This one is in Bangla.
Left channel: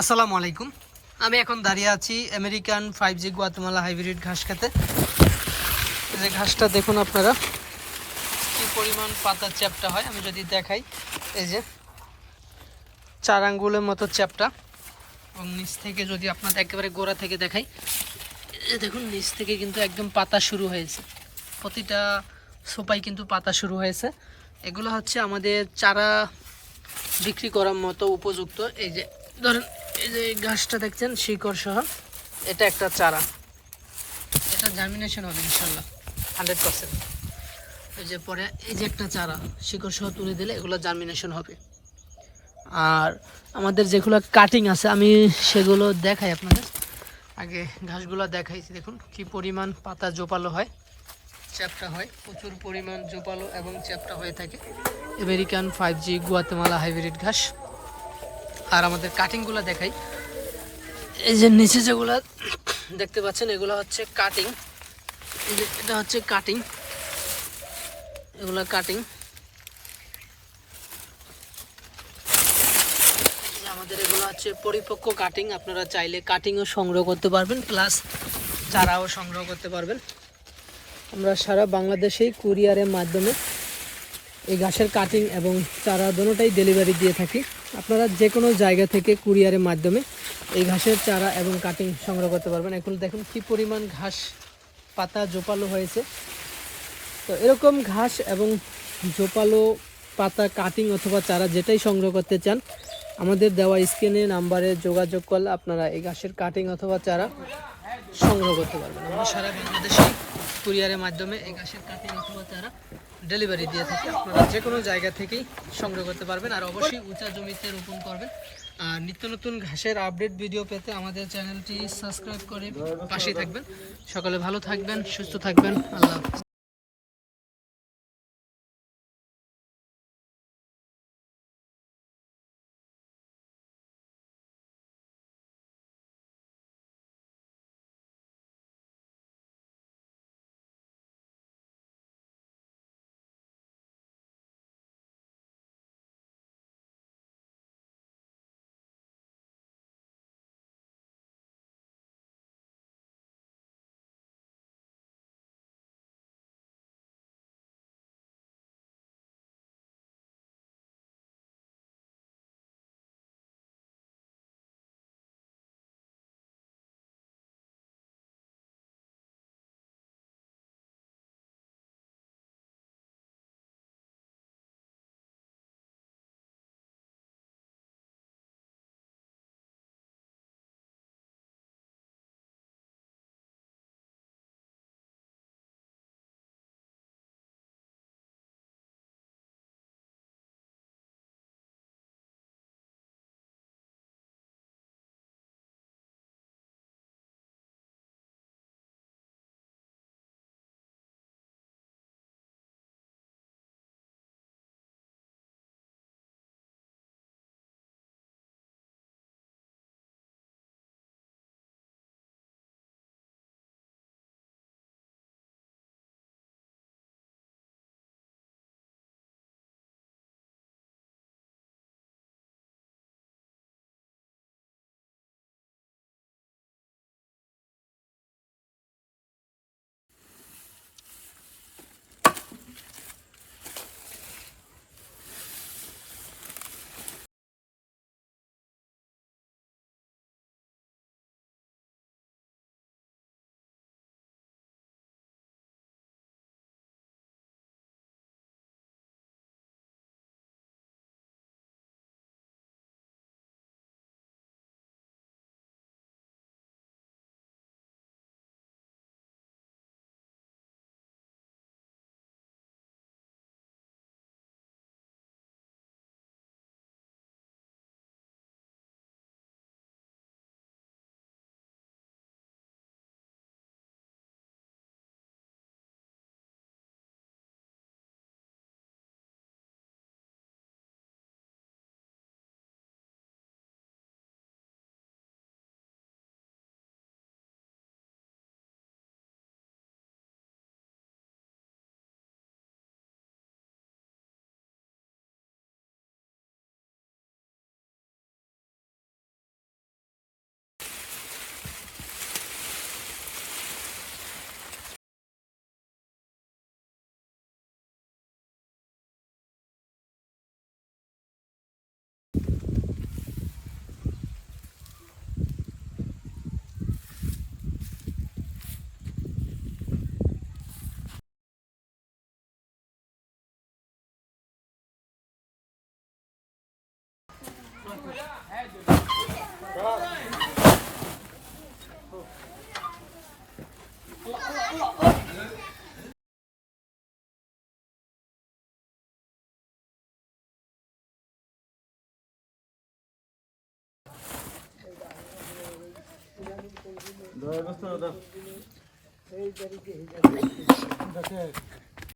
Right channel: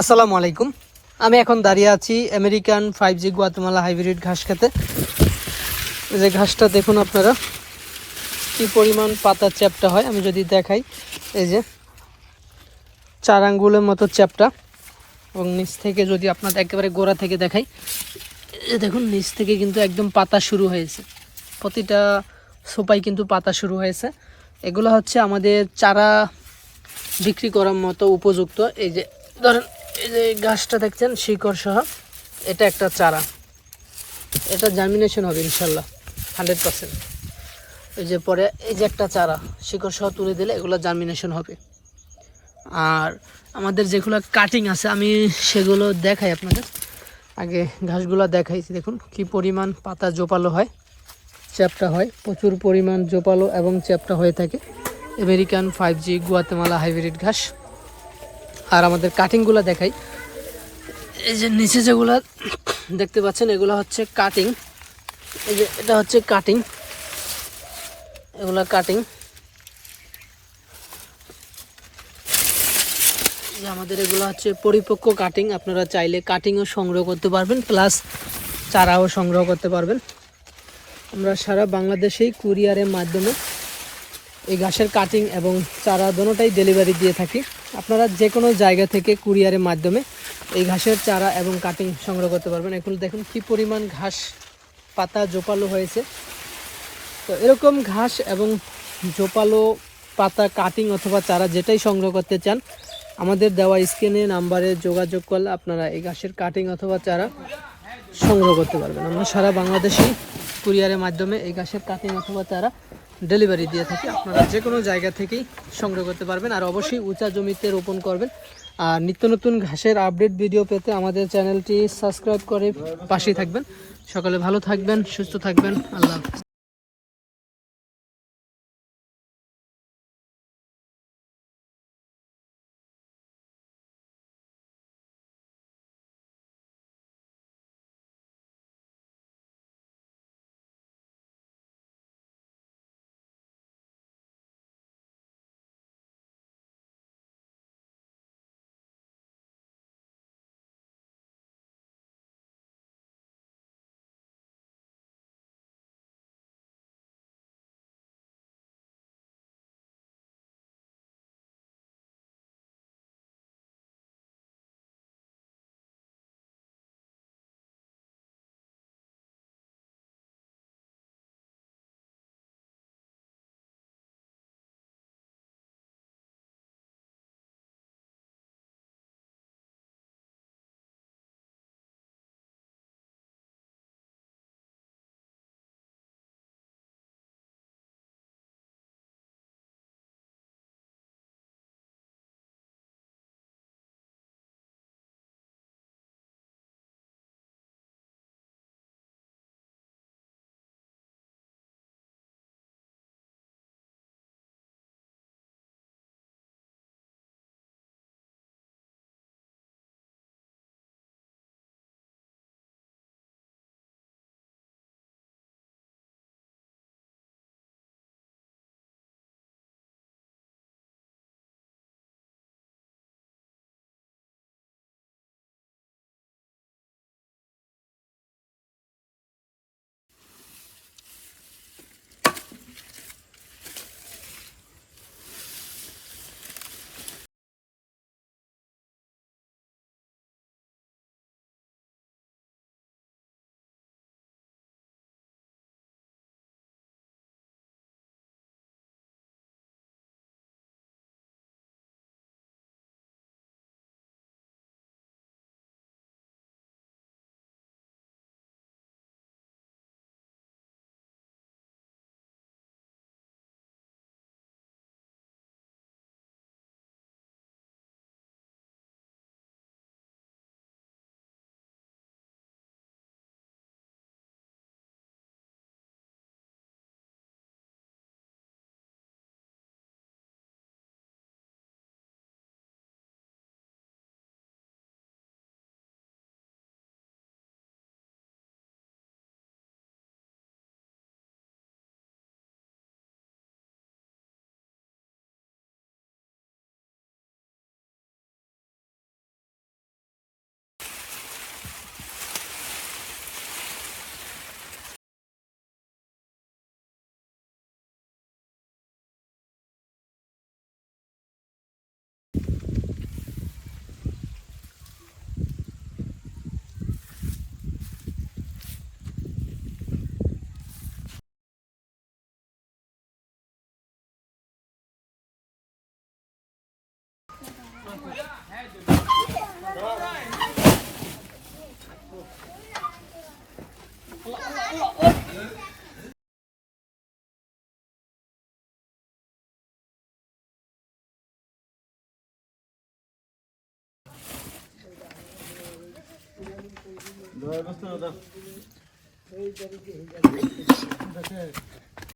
আসসালামু আলাইকুম। আমি এখন দাঁড়িয়ে আছি আমেরিকান 5G গুয়াতেমালা হাইব্রিড ঘাস খেতে। এই যে ঘাসটা দেখুন আপনারা কি পরিমাণ পাতা চ্যাপ্টা হয়। আমি যদি দেখাই, এই যে 4 আঙ্গুলের মতো চ্যাপ্টা, এবং নিচ থেকে যদি আপনাদের একেবারে গোড়া থেকে দেখাই, এই দেখুন নিচ থেকে কিন্তু একদম পাতা শুরু হয়েছে। প্রতিটা সোপায় কিন্তু পাতা শুরু হয়েছে। এগুলো হচ্ছে আমাদের চারা বিক্রি করার মতো উপযুক্ত। এই যে ধরেন, এই যে গাছটা দেখছেন শিকড় সহ, এটা একটা চারা, এটা জার্মিনেশন হবে ইনশাল্লাহ 100%। এই যে পরে এই যে একটা চারা শিকড় সহ তুলে দিলে এগুলো জার্মিনেশন হবে। আর আমাদের যেগুলো কাটিং আছে আমি সেগুলো দেখাই আপনাদের। আগে ঘাসগুলো দেখাইছি, দেখুন কি পরিমাণ পাতা জোপালো হয়, চ্যাপ্টা হয়, প্রচুর পরিমাণ জোপালো এবং চ্যাপ্টা হয়ে থাকে আমেরিকান 5G গুয়াতেমালা হাইব্রিড ঘাস। আর আমাদের কাটিংগুলো দেখাই, এই যে নিচে যেগুলো দেখতে পাচ্ছেন এগুলো হচ্ছে কাটিং। এই যে এটা হচ্ছে কাটিং, এগুলা কাটিং। আমাদের এগুলো হচ্ছে পরিপক্ক কাটিং। আপনারা চাইলে কাটিংও সংগ্রহ করতে পারবেন, প্লাস চারাও সংগ্রহ করতে পারবেন। আমরা সারা বাংলাদেশেই কুরিয়ারের মাধ্যমে এই ঘাসের কাটিং এবং চারা দুটোটাই ডেলিভারি দিয়ে থাকি। আপনারা যে কোনো জায়গা থেকে কুরিয়ারের মাধ্যমে এই ঘাসের চারা এবং কাটিং সংগ্রহ করতে পারবেন। এখন দেখুন কি পরিমাণ ঘাস পাতা জোপালো হয়েছে। তো এরকম ঘাস এবং জোপালো পাতা কাটিং অথবা চারা যেটাই সংগ্রহ করতে চান, আমাদের দেওয়া স্ক্রিনে নাম্বারে যোগাযোগ করলে আপনারা এই ঘাসের কাটিং অথবা চারা সংগ্রহ করতে পারবেন। আমরা সারা বাংলাদেশে কুরিয়ারের মাধ্যমে এই ঘাসের কাটিং অথবা চারা ডেলিভারি দিয়ে থাকি। আপনারা যে কোনো জায়গা থেকেই সংগ্রহ করতে পারবেন। আর অবশ্যই উঁচা জমিতে রোপণ করবেন। আর নিত্য নতুন ঘাসের আপডেট ভিডিও পেতে আমাদের চ্যানেলটি সাবস্ক্রাইব করে পাশেই থাকবেন। সকলে ভালো থাকবেন, সুস্থ থাকবেন। আল্লাহ হাফেজ। এই